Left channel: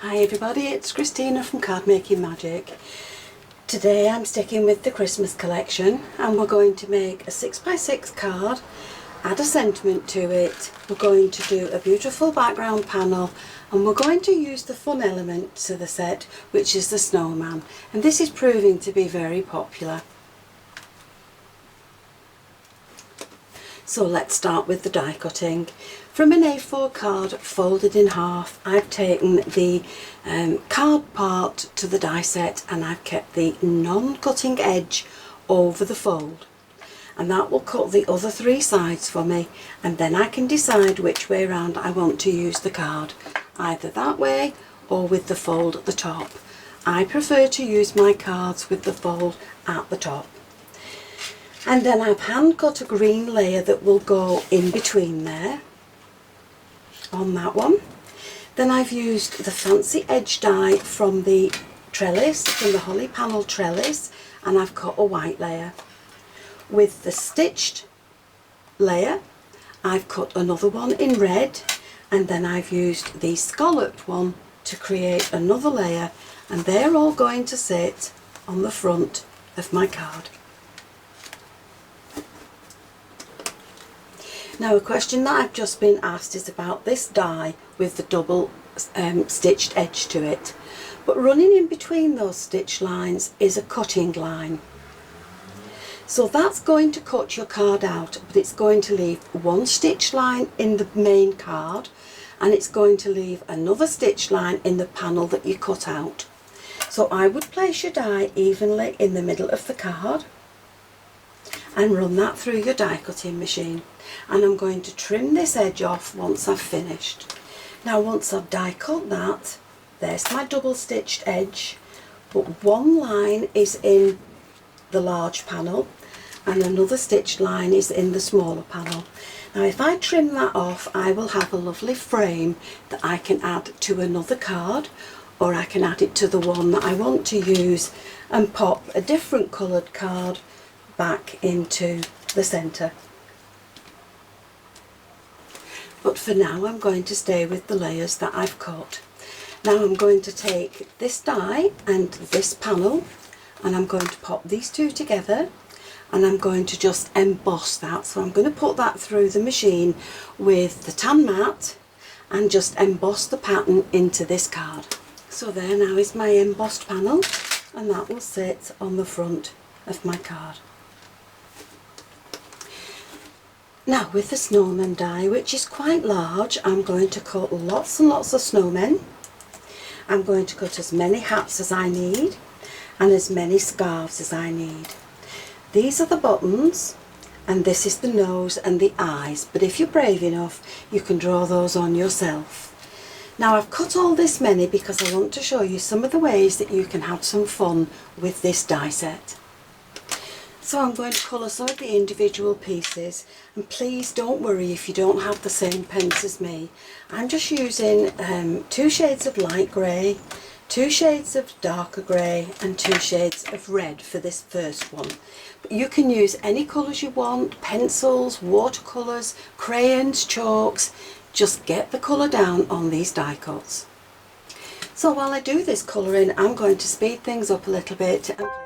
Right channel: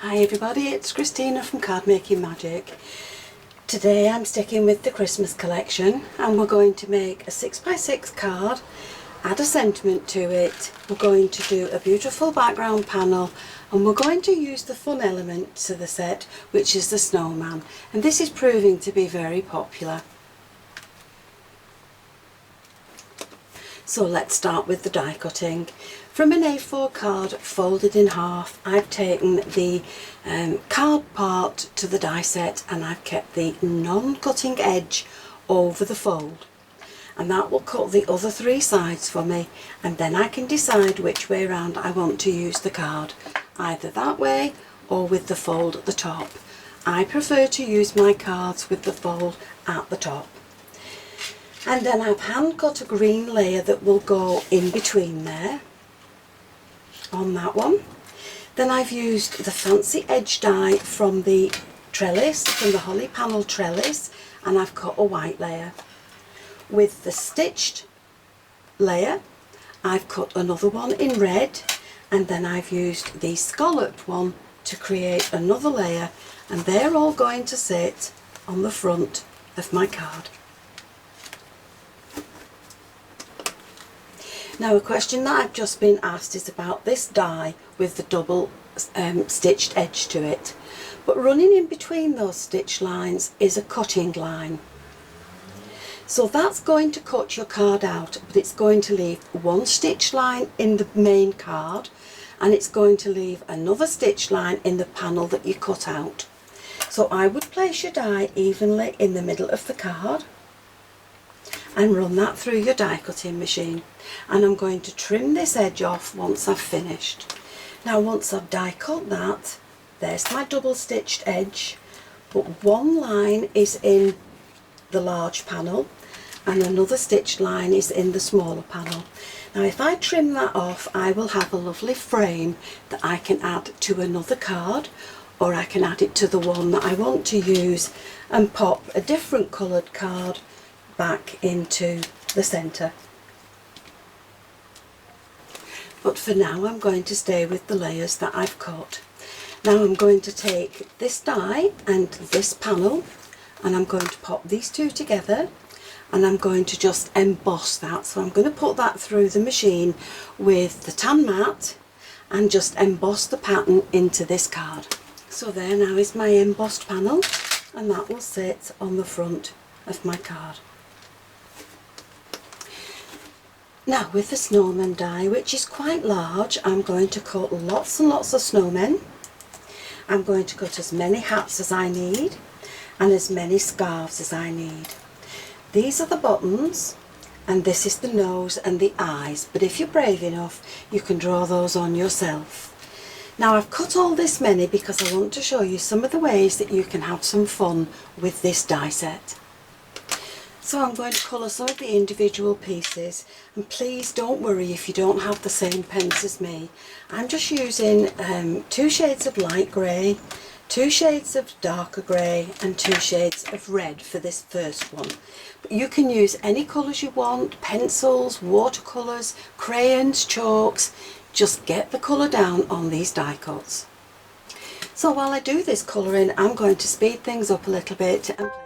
Hi everybody, it's Christina from Card Making Magic. Today I'm sticking with the Christmas collection and we're going to make a 6x6 card, add a sentiment to it, we're going to do a beautiful background panel and we're going to use the fun element to the set, which is the snowman, and this is proving to be very popular. So let's start with the die cutting. From an A4 card folded in half, I've taken the card part to the die set and I've kept the non-cutting edge over the fold. And that will cut the other three sides for me, and then I can decide which way around I want to use the card, either that way or with the fold at the top. I prefer to use my cards with the fold at the top. And then I've hand cut a green layer that will go in between there, on that one. Then I've used the fancy edge die from the trellis, from the holly panel trellis, and I've cut a white layer. With the stitched layer, I've cut another one in red, and then I've used the scalloped one to create another layer, and they're all going to sit on the front of my card. Now a question that I've just been asked is about this die with the double stitched edge to it. But running in between those stitch lines is a cutting line. So that's going to cut your card out, but it's going to leave one stitch line in the main card and it's going to leave another stitch line in the panel that you cut out. So I would place your die evenly in the middle of the card and run that through your die cutting machine, and I'm going to trim this edge off once I've finished. Now once I've die cut that, there's my double stitched edge, but one line is in the large panel and another stitched line is in the smaller panel. Now if I trim that off, I will have a lovely frame that I can add to another card, or I can add it to the one that I want to use and pop a different coloured card back into the centre. But for now I'm going to stay with the layers that I've cut. Now I'm going to take this die and this panel and I'm going to pop these two together and I'm going to just emboss that. So I'm going to put that through the machine with the tan mat and just emboss the pattern into this card. So there now is my embossed panel, and that will sit on the front of my card. Now with the snowman die, which is quite large, I'm going to cut lots and lots of snowmen. I'm going to cut as many hats as I need and as many scarves as I need. These are the buttons and this is the nose and the eyes, but if you're brave enough you can draw those on yourself. Now I've cut all this many because I want to show you some of the ways that you can have some fun with this die set. So I'm going to colour some of the individual pieces, and please don't worry if you don't have the same pens as me. I'm just using 2 shades of light grey, 2 shades of darker grey and 2 shades of red for this first one. But you can use any colours you want, pencils, watercolours, crayons, chalks, just get the colour down on these die cuts. So while I do this colouring, I'm going to speed things up a little bit and play.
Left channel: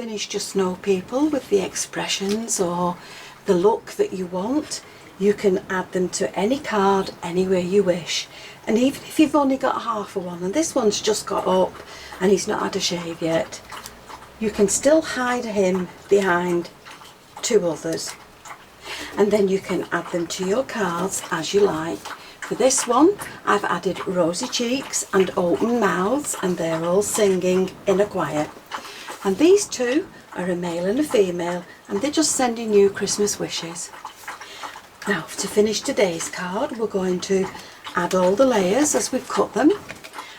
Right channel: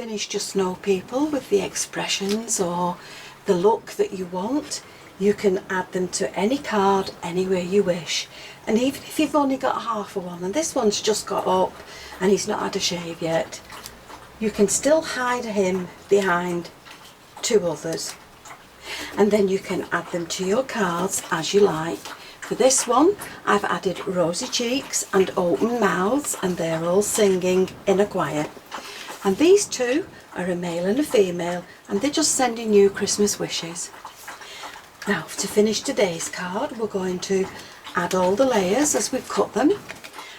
finished your snow people with the expressions or the look that you want, you can add them to any card anywhere you wish. And even if you've only got half of one and this one's just got up and he's not had a shave yet, you can still hide him behind two others. And then you can add them to your cards as you like. For this one, I've added rosy cheeks and open mouths, and they're all singing in a choir. And these two are a male and a female, and they're just sending you Christmas wishes. Now, to finish today's card, we're going to add all the layers as we've cut them,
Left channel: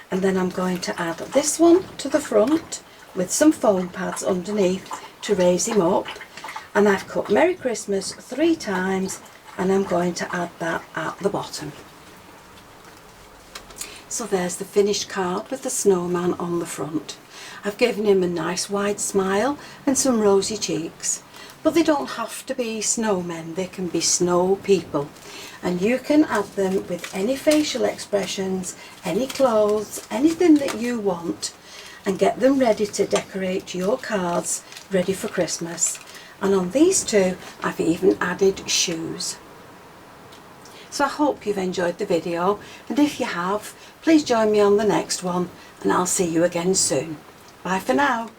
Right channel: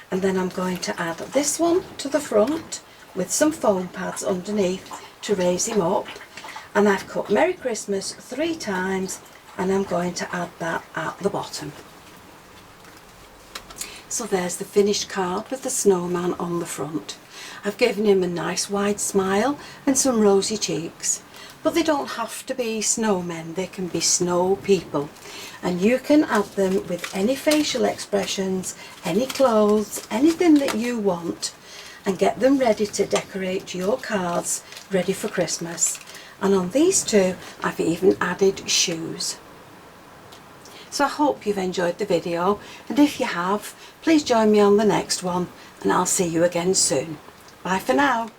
and then I'm going to add this one to the front with some foam pads underneath to raise him up. And I've cut Merry Christmas 3 times, and I'm going to add that at the bottom. So there's the finished card with the snowman on the front. I've given him a nice wide smile and some rosy cheeks. But they don't have to be snowmen, they can be snow people. And you can add them with any facial expressions, any clothes, anything that you want, and get them ready to decorate your cards ready for Christmas. And on these two, I've even added shoes. So I hope you've enjoyed the video, and if you have, please join me on the next one, and I'll see you again soon. Bye for now.